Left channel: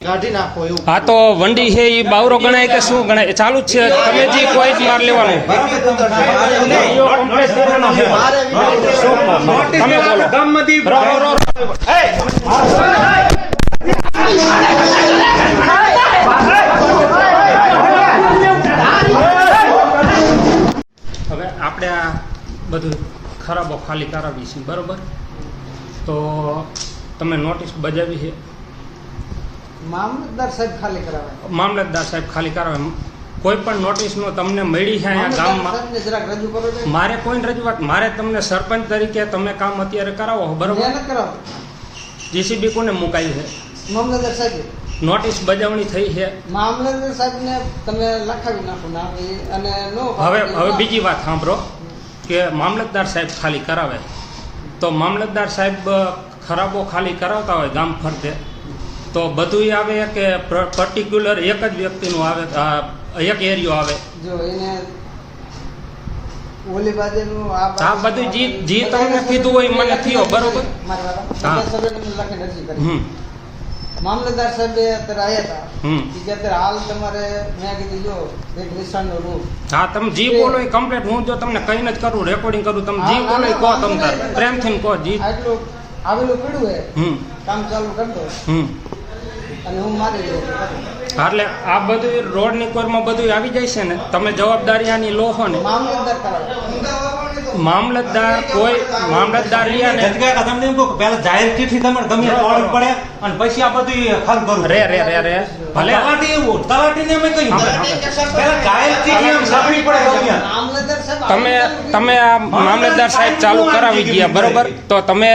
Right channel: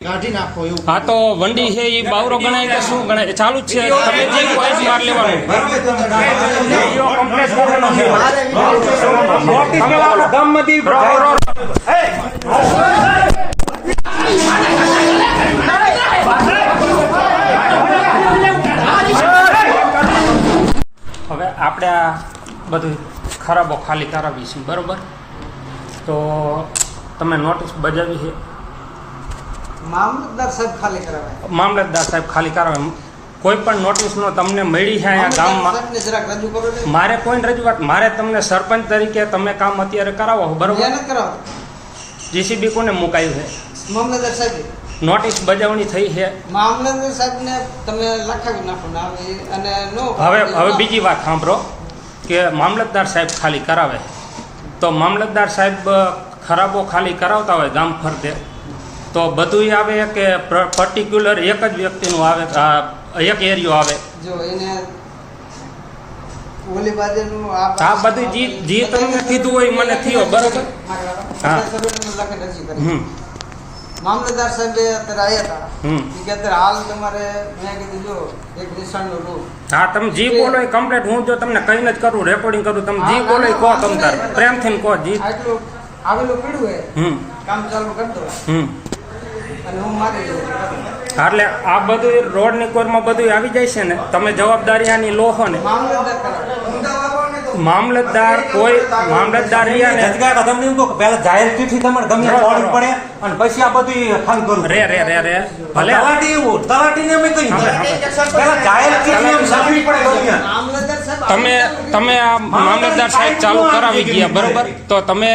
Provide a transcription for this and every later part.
આ તો વંડી છે એ બાવરો ગણાય કે શું ગણાય? ચાલુ જ છે. તમે જે કોઈ માર લેવાનું. હવે આપણે આ બધું ખરાબો ખાલી કરાવી છે બરોબર? તો તમે નોટિસ બજાવી છે? મામલતદાર સાહેબ ખાલી કરાવે. મામલતદાર સાહેબ ખાલી કરાવે. કોઈ પણ નોટિસનો તમને મળી છે અહીંયા ગામમાં મારે કોઈ રજૂઆત. મારે તમને સરપંચ તરીકે તમે કામ અત્યારે કરાવો બરોબર? જીસીબી કોને મુકાયું છે? મામલતદાર સાહેબ. નોટિસ બજાવણી થઈ છે. મામલતદાર સાહેબને તમે લખાવી નાખો અને નો હવે હવે બીજી વાત સાંભળો કે મામલતદાર સાહેબ ખાલી કરાવે. તો મામલતદાર સાહેબ ખરાબો ખાલી કરાવતા હોય ગામ ફરતે. તો બધુંય આવે કે પર્ટિક્યુલર એક જ વ્યક્તિનું આવે એક એરિયો આવે? જો એને ઓલી બાજુનું આ આ બધું જી જી તમને કીધું હોય મને થયો બરોબર? હા. હમ. મામલતદાર સાહેબ અત્યારે આવ્યા હતા હમ. કે અત્યારે હાલ તમારે મેં કીધું જો એક નિશાનનું રૂપ હા તમે જી બોલો એ કમ્પ્લેટ હું જો તમને કઈ જ કરું રેકોર્ડિંગ કરું તમે જી બોલો કહો તમે પ્રેમથી કહો જી. આટલું આવેલું પીડું હે હમ. કામ ચાલુ કરી દો. હમ. અને હું મારી એટલે આ બધું રોડની કોરમાં બધું આવી જાય છે ને? તમે જવાબદારી આની લો છો ને. મામલતદાર કરાવે મામલતદાર કોઈ મામલતદાર રહ્યા ને તમને કહું પહેલા જાહેર ચિઠ્ઠી તમારે ગમે ઓર્ડર પડે અને પછી આ બધું ખાલી કરું. રે રે રે રે. ભલે. તલાટી એવું તલાટીને અમે કહ્યું. પહેલા જાહેર ચીઠી એમ છાપવી પડે તમે તમે આ મામલતદાર સાહેબ ચાલુ કરાવી ગયા બરોબર? તો તમે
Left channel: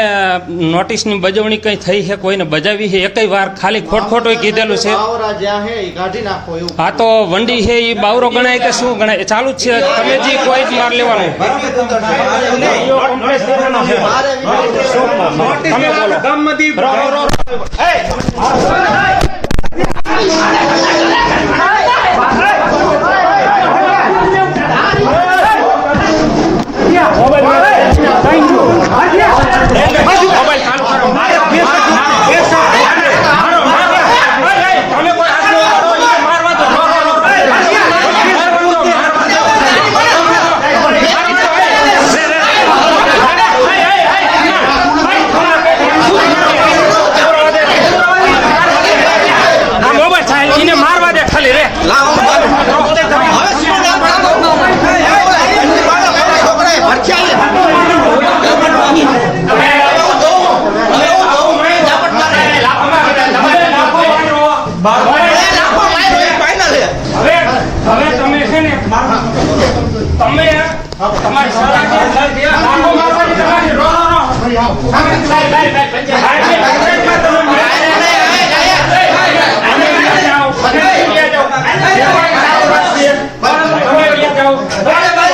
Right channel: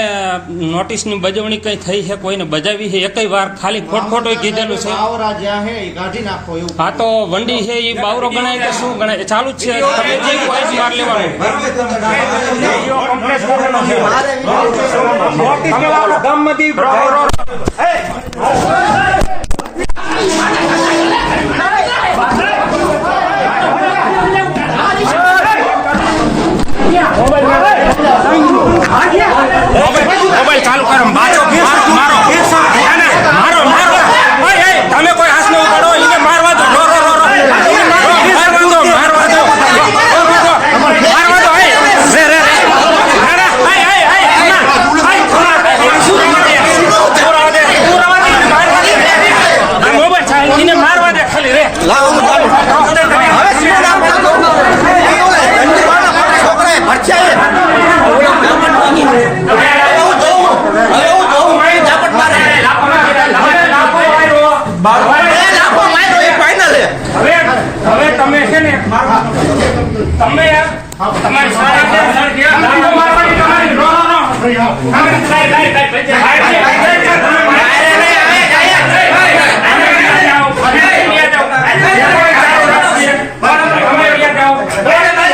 નોટિસની બજવણી કઈ થઈ છે? કોઈને બજાવી છે? એકય વાર ખાલી ખોટ ખોટું કીધેલું છે. બાવરા જ્યાં હે તો વંડી છે એ બાવરો ગણાય કે શું ગણાય? એ ચાલુ જ છે. તમે જે કોઈ માર લેવાનું. ઈઓ complete કરવાનો છે. મારે તમે બોલો. Row, row, row. મોબાઈલ ચાલુ કરો મારો મારો મારો ઓય, એ, તમે કોઈ હાથ ન ઉપાડો એને મારવા દો રો, રો, રો, રો. મારવા દો, મારવા દો. મારવા દો, એ. રે, રે, રે. રે, રે, એ, એ, એ, એ. ભાઈ, ખોલા બે. પૂરા દે. આ મોબાઈલ છે એને હવે હવે તમે છે ને તમે તમારી તમારી Everybody.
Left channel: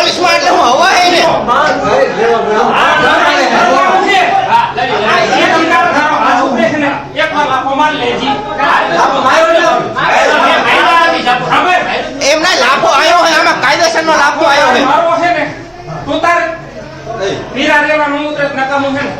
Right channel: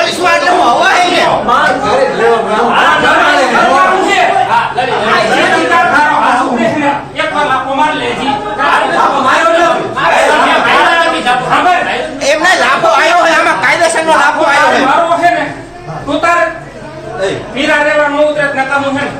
પોલીસમાં એટલે હું હવા હે ને એમના લાભો આવ્યો હોય આમાં કાયદેસર નો લાભો આવ્યો હોય મારો છે ને તું તારે પીરા રેવા નો ઉતરે નકામું છે ને